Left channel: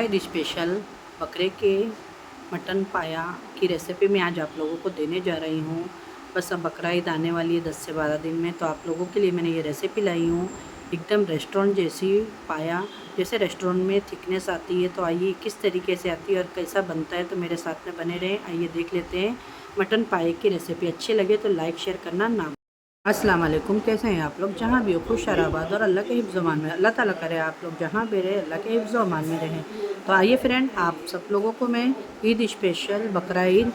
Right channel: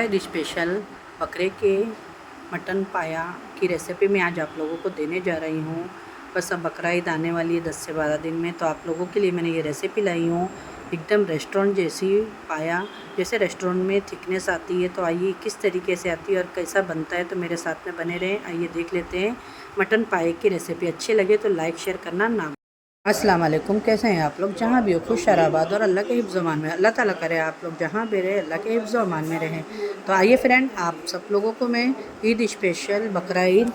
Eid special बकरे के mutton पाया की रेसिपी मैं आज आप लोगों को देने जा रही हूँ। बस अब बकरा ईद आने वाली है 10 से 12 दिन में, तो आप लोगों के लिए मैंने ये रेसिपी लाई हूँ। एकदम रेस्टोरेंट जैसी पाया, जैसे रेस्टोरेंट में थिकनेस आती है, तो आइए किस तरीके से आती है और कैसा बनता है, तो मेरे साथ में बने रहें। आइए देख लेते हैं मटन पाए की रेसिपी। अच्छी लगे तो लाइक शेयर करना ना। अस्सलाम वालेकुम, कैसे हैं आप लोग? जहाँ भी हो खुश आबाद और अल्लाह के हिफ्ज़ अमान में। अल्लाह ताला करे आप लोग जहाँ भी रहे अल्लाह के हिफ्ज़ अमान में रहें। तो आइए फ्रेंड, आप सब लोगों को मैं ईद स्पेशल बकरा ईद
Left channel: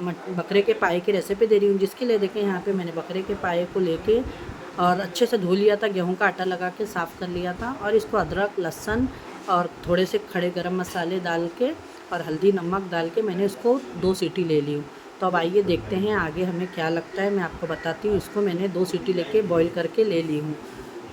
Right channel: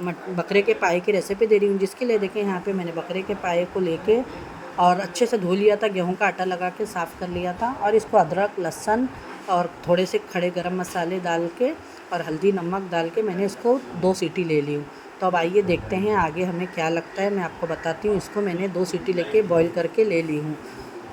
बकरे के पाए की रेसिपी दे रही हूँ। जिसके लिए देखें, यहाँ पे मैंने बकरे के पाए को लेके और अच्छे से धो लिया था, गेहूँ का आटा लगा के साफ़ कर लिया था, और इसको अदरक लहसुन और थोड़े से खड़े गरम मसाले डाल के और हल्दी नमक डाल के मैंने इसको 2 सीटी ले ली हूँ। तो अब आइए देखते हैं आगे हमें क्या लगता है, मैं आपको बताती हूँ। इसको मैंने 2 सीटी लेके बॉईल करके ले ली हूँ।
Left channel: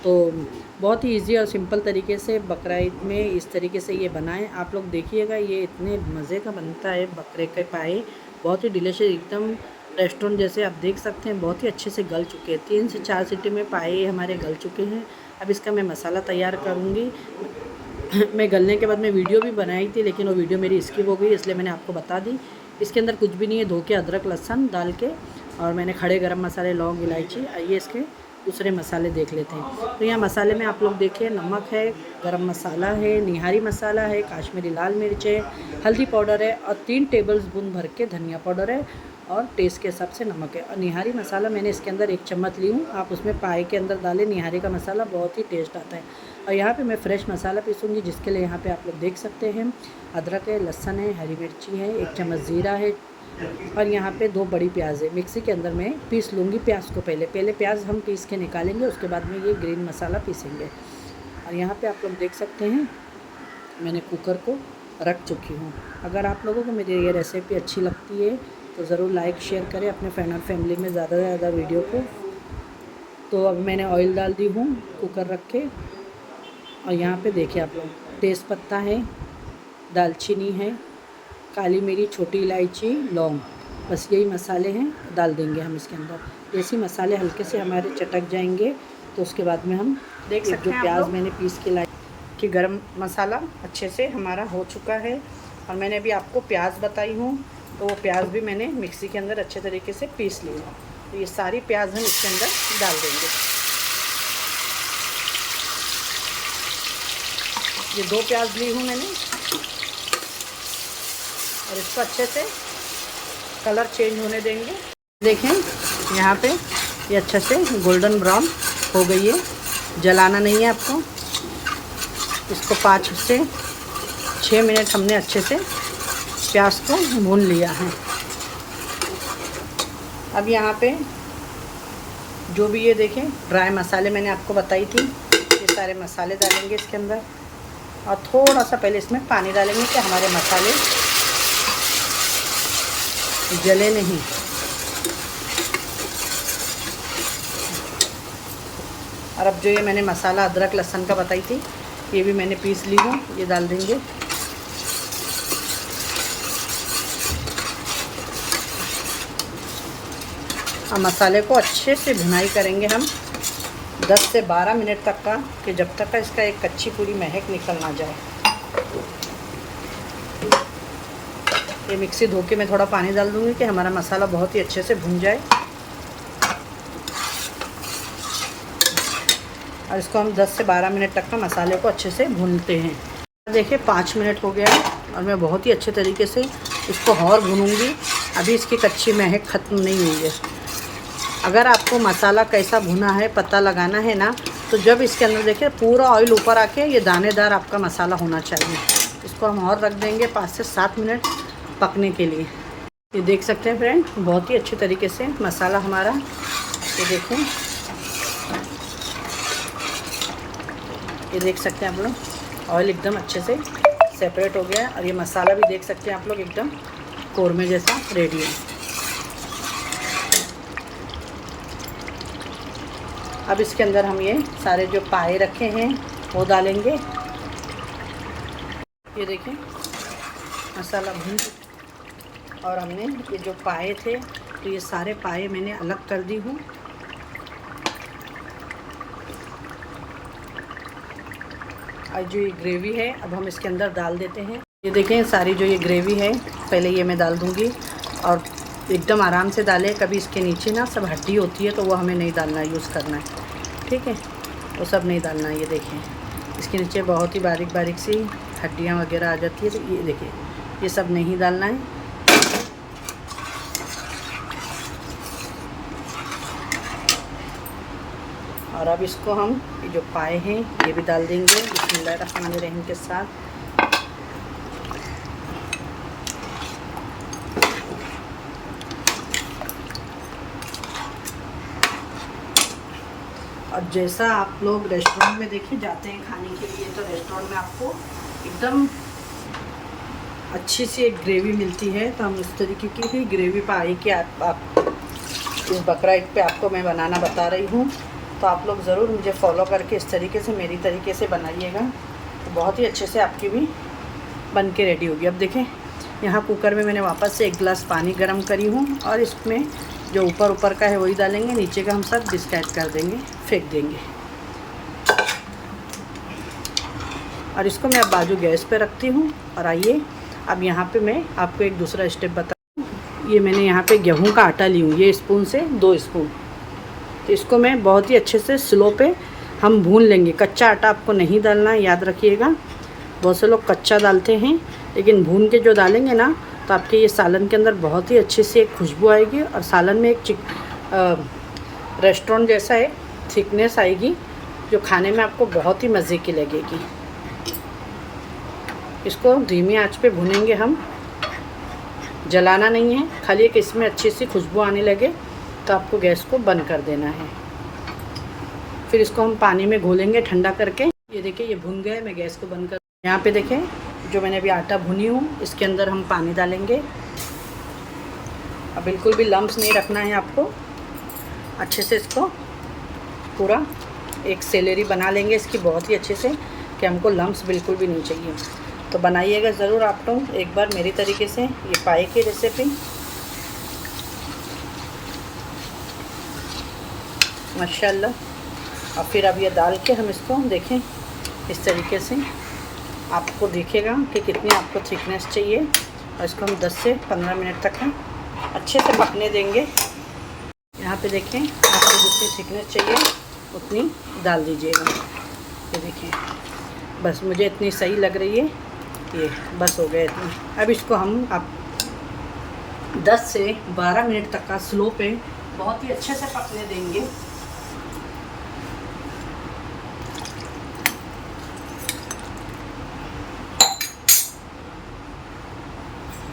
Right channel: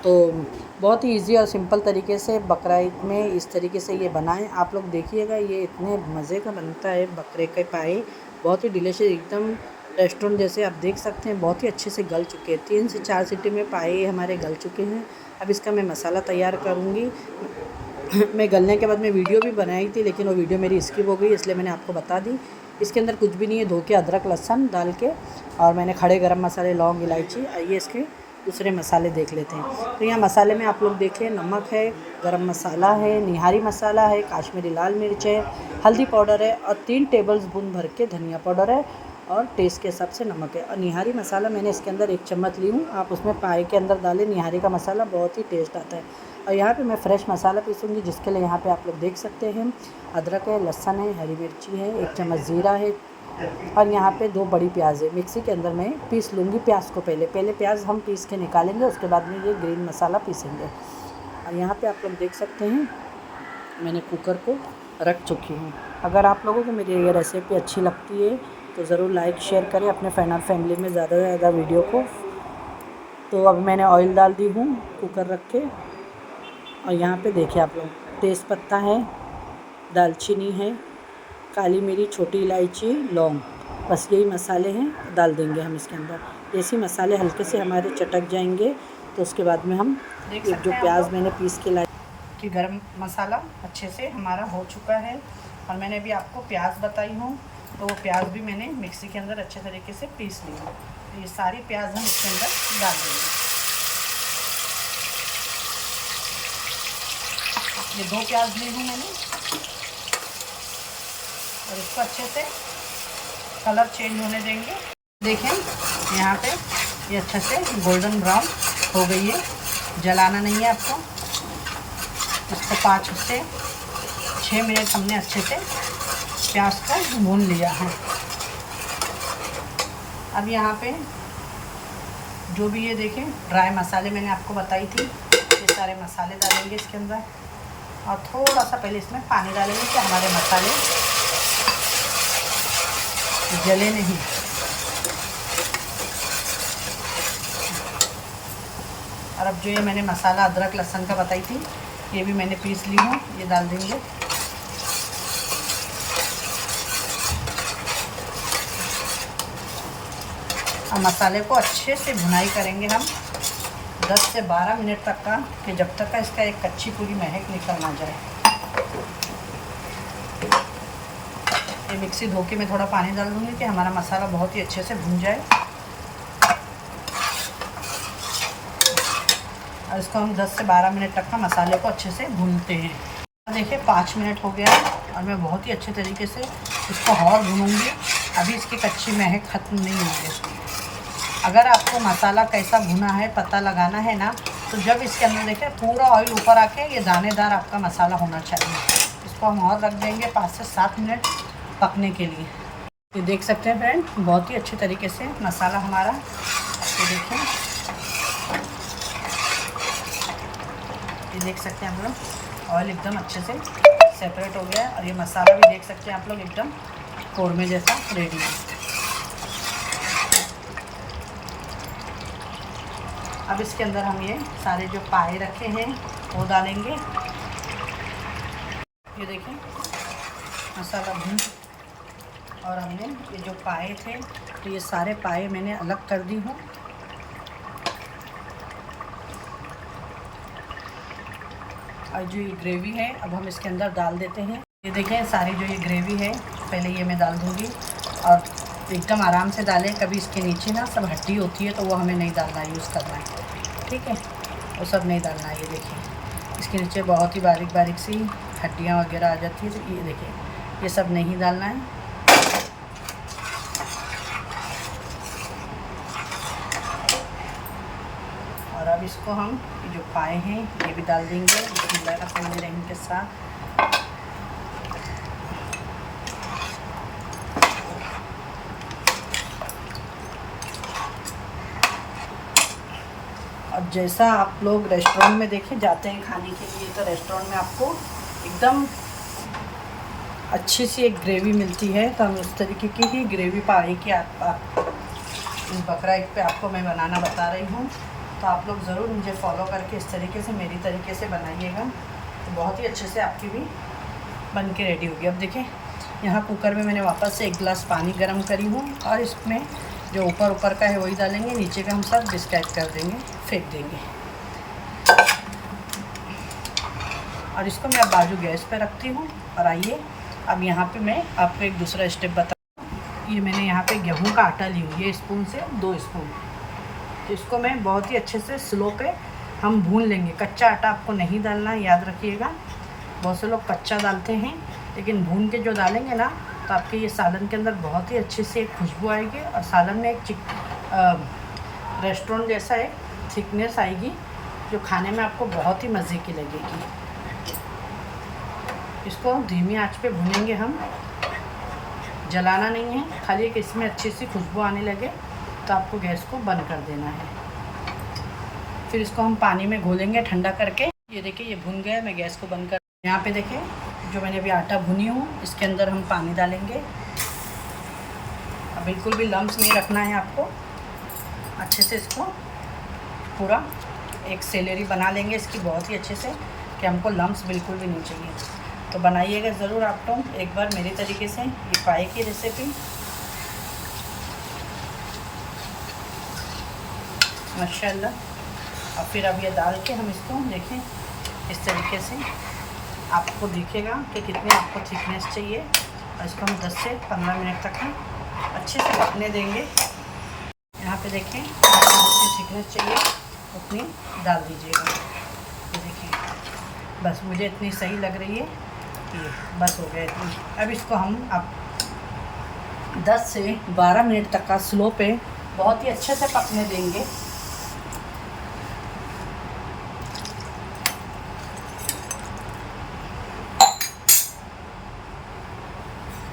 तो बहुत ही इजी और सिंपल तरीके से बकरा ईद में इस तरीके से ये बनाएं। आप लोग देखिएगा, ये इतने मज़े का बनता है बकरे के पाए, बहुत ही डिलीशियस, एकदम रेस्टोरेंट जैसे। आप देख सकते हैं बहुत ही अच्छे से गल चुके हैं। 3 से 4 सीटी में पाए हमारे गल चुके हैं। अब इसका मैं मसाला तैयार करूँगी। मैं गलने के बाद मैं वीडियो भी बनाई थी, लेकिन वो वीडियो मेरी स्किप हो गई, इसलिए मैंने आपको बता दी। इसके अंदर कुछ भी नहीं है, धो के अदरक लहसुन डाल के, और मैंने खड़े गरम मसाले लौंग इलायची। आइए इसके दूसरे मसाले देख लेते हैं। तो यहाँ मसाले में आप लोग देखिए, नमक है, गरम मसाला है, निहारी मसाला है, काश्मीरी लाल मिर्च है, हल्दी पाउडर है, और 3 टेबल स्पून भर के धनिया पाउडर है, और टेस्ट के हिसाब से नमक है। और निहारी मसाला मैंने इसके अंदर 1 चम्मच ली हूँ। आप उसमें पाए के अंदर डालें निहारी का मसाला, बहुत ही टेस्ट आता है। और यहाँ पे मैं फ्रेश मसाला पीसूँगी, जिसके लिए यहाँ पे आप लोग देख सकते हैं अदरक है, लहसुन है, हरी मिर्ची है, 1 चम्मच ज़ीरा है, और यहाँ पे 2 बड़ी प्याज है। मिक्सी के अंदर मैं पीस लूँगी प्याज को। पहले प्याज हम पीस के निकालेंगे, उसके बाद में ये ग्रीन मसाला पीसेंगे। और यहाँ पे आप लोग देख सकते हैं मैंने कुकर को रख चुकी हूँ। अगर आप लोगों को मेरी ये रेसिपी अच्छी लगती है तो ज़रूर लाइक शेयर करें अपने फ्रेंड और फैमिली में ज़्यादा से ज़्यादा वीडियो को। तो अब मैंने ऑयल डाल दी हूँ कुकर रख के, और यहाँ पे देखिए आप लोग, तेज़ पत्ता है, दालचीनी है, काली मिर्च, छोटी इलायची, लौंग, बस यही मसाले हैं, डाल देंगे हम इसके अंदर। जैसे मसाले हल्के से हमारे चटक जाएंगे, तो उसके बाद में हम देख सकते हैं जो प्याज मैंने पीस के लाई कि गरम मसाला अच्छे से हमारा हो चुका है। और मैंने अभी आपको प्याज बताई हूँ, तो वो प्याज भी मैंने मिक्सी के अंदर अच्छे तरीके से पीस ली हूँ। तो ये सारी प्याज हम इसके अंदर डाल देंगे। ये 2 प्याज ली हूँ मैंने, और इसको अच्छे से कलर चेंज होने देंगे। देखें यहाँ पे ये अच्छे से गोल्डन ब्राउन हो गई है। जलाना नहीं है आपको। इसको 5 से 6 मिनट हमने अच्छे से प्याज को भून लिया है। अब यहाँ पे जो भी ये देखें ड्राई मसाले मैंने आपको बताई थी, ये सारे मसाले डालेंगे इसके अंदर, और थोड़ा सा पहले इसमें पानी डालेंगे कि हमारे मसाले जले नहीं। और अब जो ये मैंने मसाला अदरक लहसुन का बताई थी, ये भी मैंने पीस ली हूँ, ये डाल देंगे। और मसाले को अच्छे से भुनाई करेंगे हम 10 से 12 मिनट तक का, कि जब तक का इसका एक कच्ची पूरी महक निकल ना जाए। ये मिक्सी धो के मैं थोड़ा पानी डाल दूँगी कि हमारा मसाला बहुत ही अच्छे से भुन जाए। और इसको हम 10 से 12 मिनट तक का मसाले को अच्छे से भूनते हैं। देखिए 5 मिनट हो गया, और मैं बहुत ही अच्छे तरीके से इसको और भूनूंगी। अभी इसकी कच्ची महक ख़त्म नहीं हुई है। अगर आपको मसाला कैसा भुना है पता लगाना है ना, तो जब इसके अंदर देखिए पूरा ऑयल ऊपर आके ये दानेदार आपका मसाला होना चाहिए। इसको हम और रख देंगे 5 से 7 मिनट पकने के लिए। ये देख सकते हैं फ्रेंड, बहुत ही अच्छे तरीके से मसाला हमारा, ये देखें, ये देख सकते हैं आप लोग, ऑयल एकदम अच्छे से सेपरेट हो गया है। और ये मसाला भी देख सकते हैं आप लोग एकदम कौरमे जैसा रेडी है। अब इसके अंदर हम ये सारे जो पाए रखे हैं वो डालेंगे। ये देखिए मसाला भून, और हमने ये जो पाए थे, तो ये सारे पाए मैंने अलग कर दी हूँ। और जो ये ग्रेवी है अब हम इसके अंदर डाल देते हैं। ये देखें सारी जो ये ग्रेवी है पहले ये मैं डाल दूँगी, और एकदम आराम से डालें। कभी इसके नीचे ना सब हड्डी होती है तो वो हमें नहीं डालना, यूज़ करना है, ठीक है, वो सब नहीं डालना है। ये देखें इसके नीचे बहुत ही बारीक बारीक सी हड्डियाँ वगैरह आ जाती है, तो ये देखें ये सब नहीं डालना है। और अब इसको हम ये जो पाए हैं ये भी डाल देंगे बिस्मिल्लाहिर्रहमानिर्रहीम के साथ। अब जैसा आप लोग रेस्टोरेंट में देखे जाते हैं खाने के लिए, तो रेस्टोरेंट में आपको एकदम अच्छी सी एक ग्रेवी मिलती है, तो हम उस तरीके की ही ग्रेवी पाए कि आप इस बकरा ईद पे आपको मैं बनाना बता रही हूँ। तो आप लोग ज़रूर मुझे फॉलो करके इस तरीके से मेरी तरीके से बनाइएगा, तो बहुत ही अच्छे से आपकी भी बन के रेडी होगी। अब देखें यहाँ कुकर में मैंने वापस से 1 गिलास पानी गर्म करी हूँ, और इसमें जो ऊपर का है वही डालेंगे, नीचे का हम सब डिस्कार्ड कर देंगे, फेंक देंगे। और इसको मैं अब बाजू गैस पे रखती हूँ। और आइए अब यहाँ पे मैं आपको एक दूसरा स्टेप बता। ये मैंने यहाँ पे गेहूँ का आटा ली हूँ, ये स्पून से 2 स्पून। तो इसको मैं बहुत ही अच्छे से स्लो पे हम भून लेंगे। कच्चा आटा आपको नहीं डालना है, याद रखिएगा। बहुत से लोग कच्चा डालते हैं, लेकिन भून के जो डालेंगे ना तो आपके ये सालन के अंदर बहुत ही अच्छी सी एक खुशबू आएगी, और सालन में एक रेस्टोरेंट जैसा एक थिकनेस आएगी, जो खाने में आपको बहुत ही मज़े की लगेगी। इसको धीमी आंच पे भूनेंगे हम, जलाना नहीं है, खाली एक इसमें अच्छी सी खुशबू आने लगे तो आपको गैस को बंद कर देना है। फिर इसको हम पानी में घोलेंगे ठंडा करके। ये देखिए ये भुन गया, मैं गैस को बंद कर। यहाँ पे देखें जो मैंने अभी आटा भुनी हूँ, इसके अंदर हम पानी डालेंगे। अब बिल्कुल भी लम्स नहीं रखना है आपको, अच्छे से इसको पूरा एक सेलेरी बना लेंगे इसकी बहुत ही अच्छे से, कि हमको लम्स बिल्कुल भी नहीं चाहिए। तो बनाइएगा ज़रूर आप लोग एक बार मेरी तरीके से ये पाए की रेसिपी। माशाल्लाह। और फिर अब ये डाल के हम इसको देखें इस तरीके से, आपको दिखेगा कि कितनी आपको थिकनेस चाहिए, और इसको हम 10 से 15 मिनट तक हम अच्छे से पकने देंगे। यहाँ पे देखें आपको जितनी थिकनेस चाहिए उतनी डाल दीजिएगा। ये देखिए बस मुझे इतनी सही लग रही है, ये बस हो गया इतना। अब इसको हम अब 10 से 12 मिनट तक का स्लो पे बहुत ही अच्छे से पकने देंगे।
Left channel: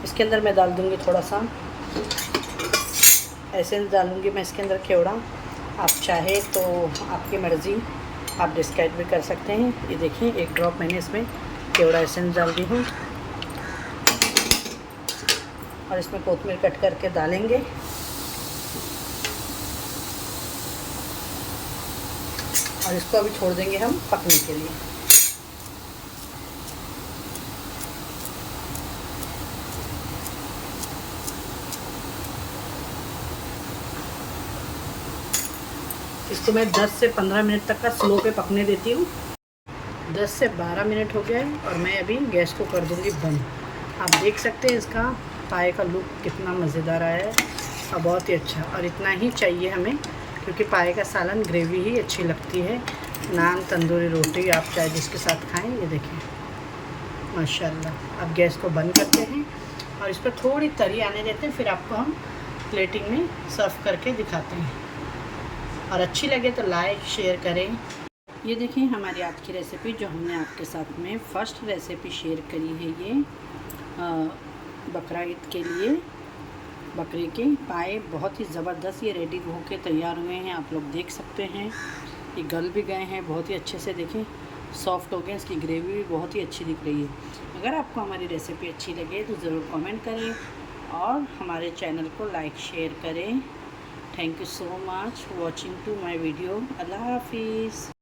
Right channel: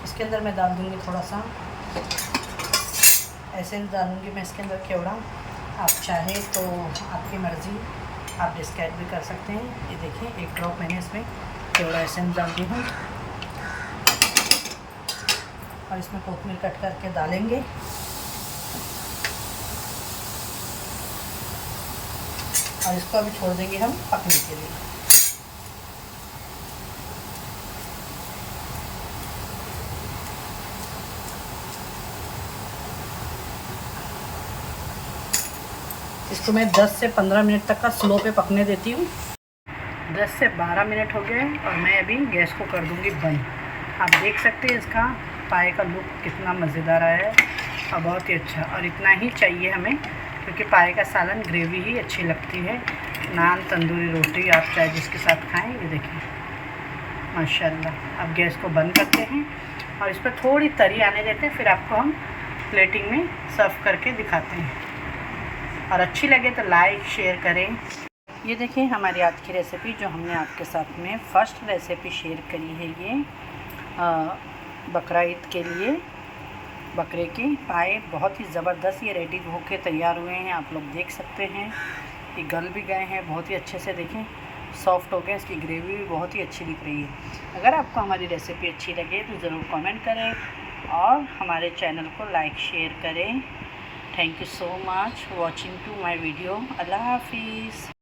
इसके अंदर मैं डाल दूँगी थोड़ा सा एसेंस डालूँगी मैं इसके अंदर केवड़ा। आप चाहे तो आपकी मर्ज़ी, आप डिस्कार्ड भी कर सकते हैं। ये देखिए 1 ड्रॉप मैंने इसमें केवड़ा एसेंस डाल दी हूँ, और इसमें कोतमीर कट करके डालेंगे। और इसको अभी छोड़ देंगे हम पकने के लिए। इसको मैं 10 से 15 मिनट तक का स्लो पे पकने देती हूँ। 10 से 12 मिनट हो गए, और मैं अभी गैस को कर दूँगी बंद। आप देख सकते हैं इसका पाए का लुक कितना मज़ेदार आया है, और बहुत ही अच्छा। और इतना ही चाहिए हमें, क्योंकि पाए का सालन ग्रेवी ही अच्छी लगती है। नान, तंदूरी रोटी आप चाहे जिसके साथ खाएं। ये देखिए माशाल्लाह। अब गैस को बंद करते हैं और इस पर थोड़ी तरी आने देते हैं, फिर आपको हम प्लेटिंग में सर्व करके दिखाते हैं। और अच्छी लगे तो लाइक शेयर करें। ये देखें हमारी आज की रेसिपी जो हमने आपके साथ में फ़र्स्ट रेसिपी शेयर करी है, ये बकरा ईद के लिए बकरे के पाए बहुत ही ज़बरदस्त ये रेडी होके तैयार हुए हैं। आप लोग देख सकते हैं ये गल भी गए हैं बहुत ही अच्छे से। देखें सॉफ्ट हो गए, इसकी ग्रेवी भी बहुत ही अच्छी दिख रही है। अगर आपको हमारी रेसिपी अच्छी लगे तो ज़रूर कमेंट करें और हमारे चैनल को लाइक शेयर करें। Thank you so much watching to my video. अल्लाह हाफिज़।